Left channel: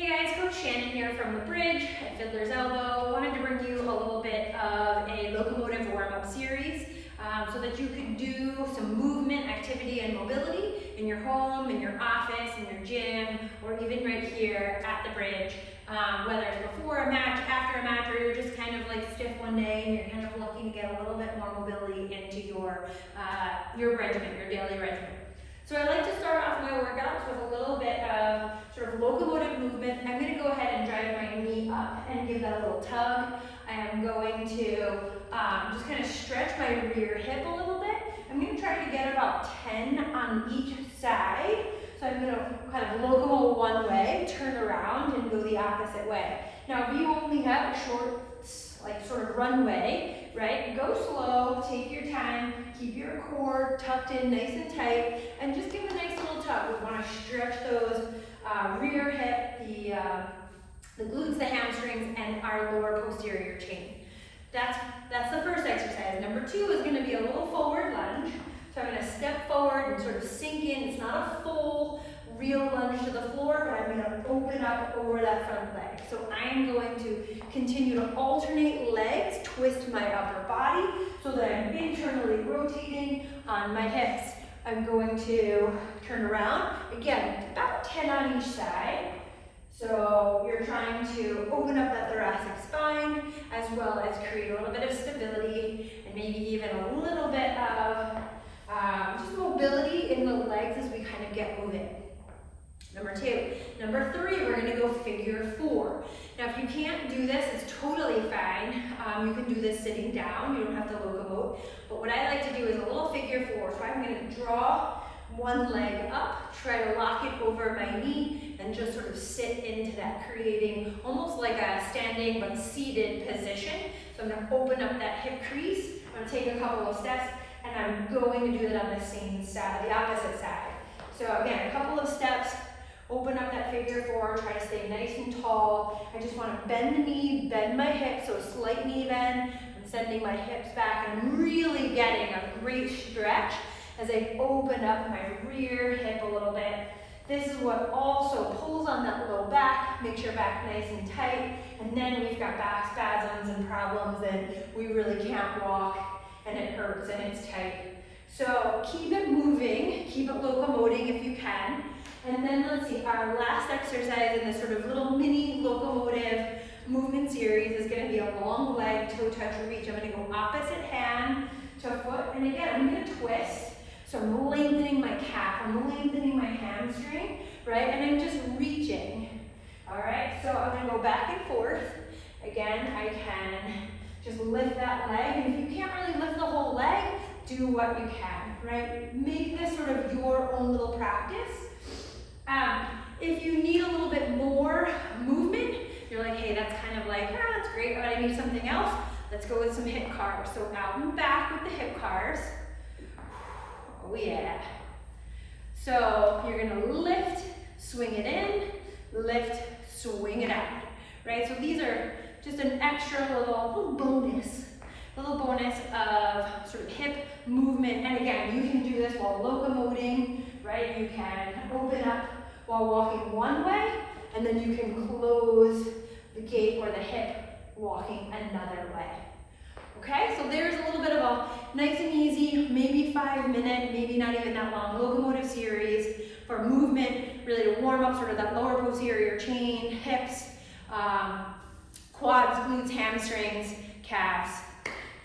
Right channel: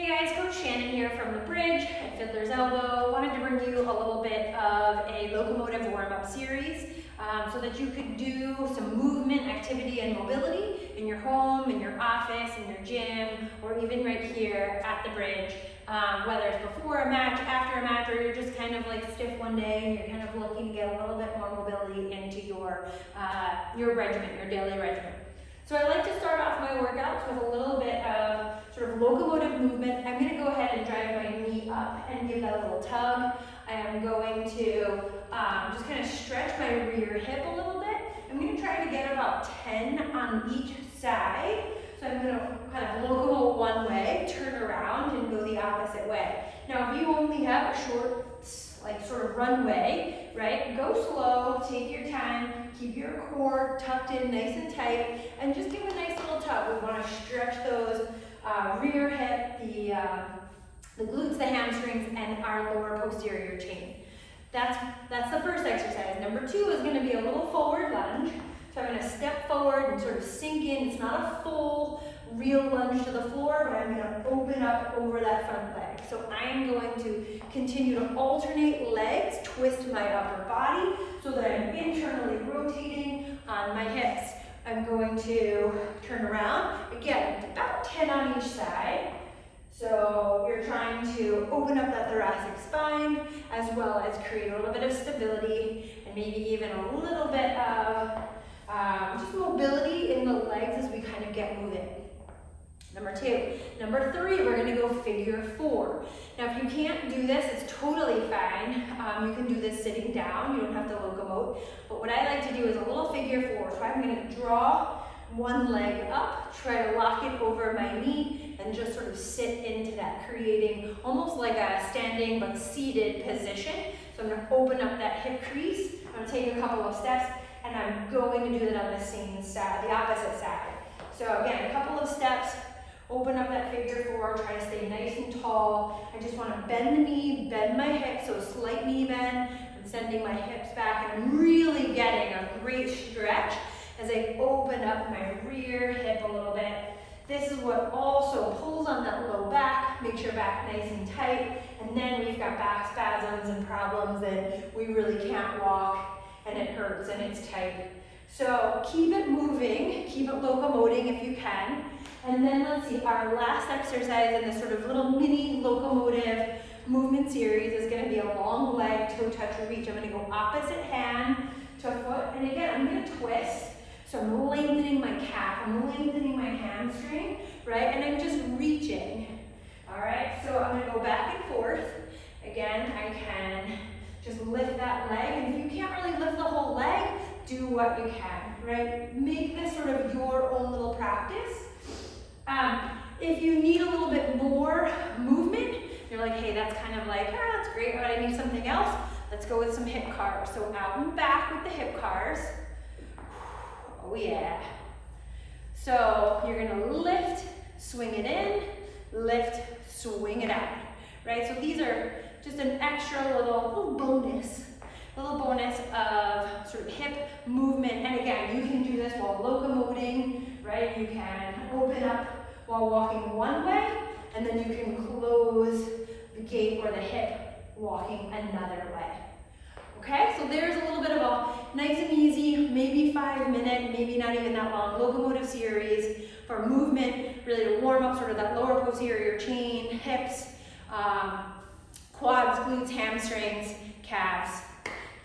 Hey guys, Coach Shannon here from the bridge at Fiddler's Elbow. Wanted to bring you a little bit of a locomotive warm-up series so that you could do some movement, activity, and mobility in your home, in your office, in your gym, or even right here at the bridge. Whether it's before a match, after a match, or you're just kind of like stiff one day and you're kind of looking to get a little bit more mobility into your regimen, your daily regimen. So I like to start off my workouts with a little bit of sort of locomotive movement. I'm going to go ahead and drive my knee up and give that a little tug. I am going to just kind of stretch my rear hip a little bit. I'm going to try to get about 10 on each side. So I'm going to kind of locomote one way, turn around, and go the opposite way. Now, if you only have a short, like sort of runway, right? Go slow, take your time, keep your core tucked in nice and tight, and just give a nice little tug. We want to stretch those rear hip, the glutes, the hamstrings, and our lower posterior chain. That's the first exercise. Number 2 is going to be a little forward lunge. So I'm going to step forward and sort of sink in. It's not a full, real lunge to the floor, but I'm going to open up over that front leg. So I'm going to continue to alternate legs, twist my upper body so that I'm internally rotating on my hips. I'm going to turn around, again, about 10 on each side. So you're trying to open up that thoracic spine as well as create a little bit of stability and maybe even a little bit of just mobility in the legs as we kind of get moving. Number 2. Number 3, we're going to go figure 4. Now, if you can't do this, it's totally fine. You can do this sitting down. You don't have to locomote. But what I like to do is a little figure 4. So I'm going to draw one leg up, try to lock it over my knee, and just sort of sit into that, creating almost like a standing but seated position. So I'm going to open up that hip crease. I'm going to take a couple of steps, and I'm going to do it on the same side, the opposite side. So again, a couple of steps. Open up that figure 4, try to stay nice and tall. I just want to bend the knee, bend my hips, so a slight knee bend. I'm sending my hips back and I'm really getting a great stretch as I open up my rear hip a little bit. This is what also pulls on that low back, makes your back nice and tight, and then we've got back spasms and problems and we really can't walk and it hurts and it's tight. So keep it moving, keep it locomoting if you can. And then let's see, our last exercise in this sort of little mini locomotive movement series is going to be a long leg toe touch reach. I'm going to go opposite hand to foot, and again, I'm going to twist. So I'm lengthening my calf, I'm lengthening my hamstring, right? And I'm just reaching, all right? So I'm going to go back and forth. Again, I can just lift that leg, and if you can't really lift the whole leg, do what you can, right? Make this sort of your own little practice. If you need a little bit more movement, you're like, hey, that's kind of like, that's great, but I need something else. Let's go with some hip cars. So out and back with the hip cars. Oh yeah. So you're gonna lift, swing it in, lift, swing it out, right? So these are just an extra little bonus of sort of hip movement. And again, you can do this while locomoting, right? You can open up while walking one way, and then you can close the gait or the hip walking another way. Okay, so there's a little bit of a nice and easy, maybe 5-minute, maybe not even that long, locomotive series for movement, really to warm up sort of that lower posterior chain, hips, quads, glutes, hamstrings, calves,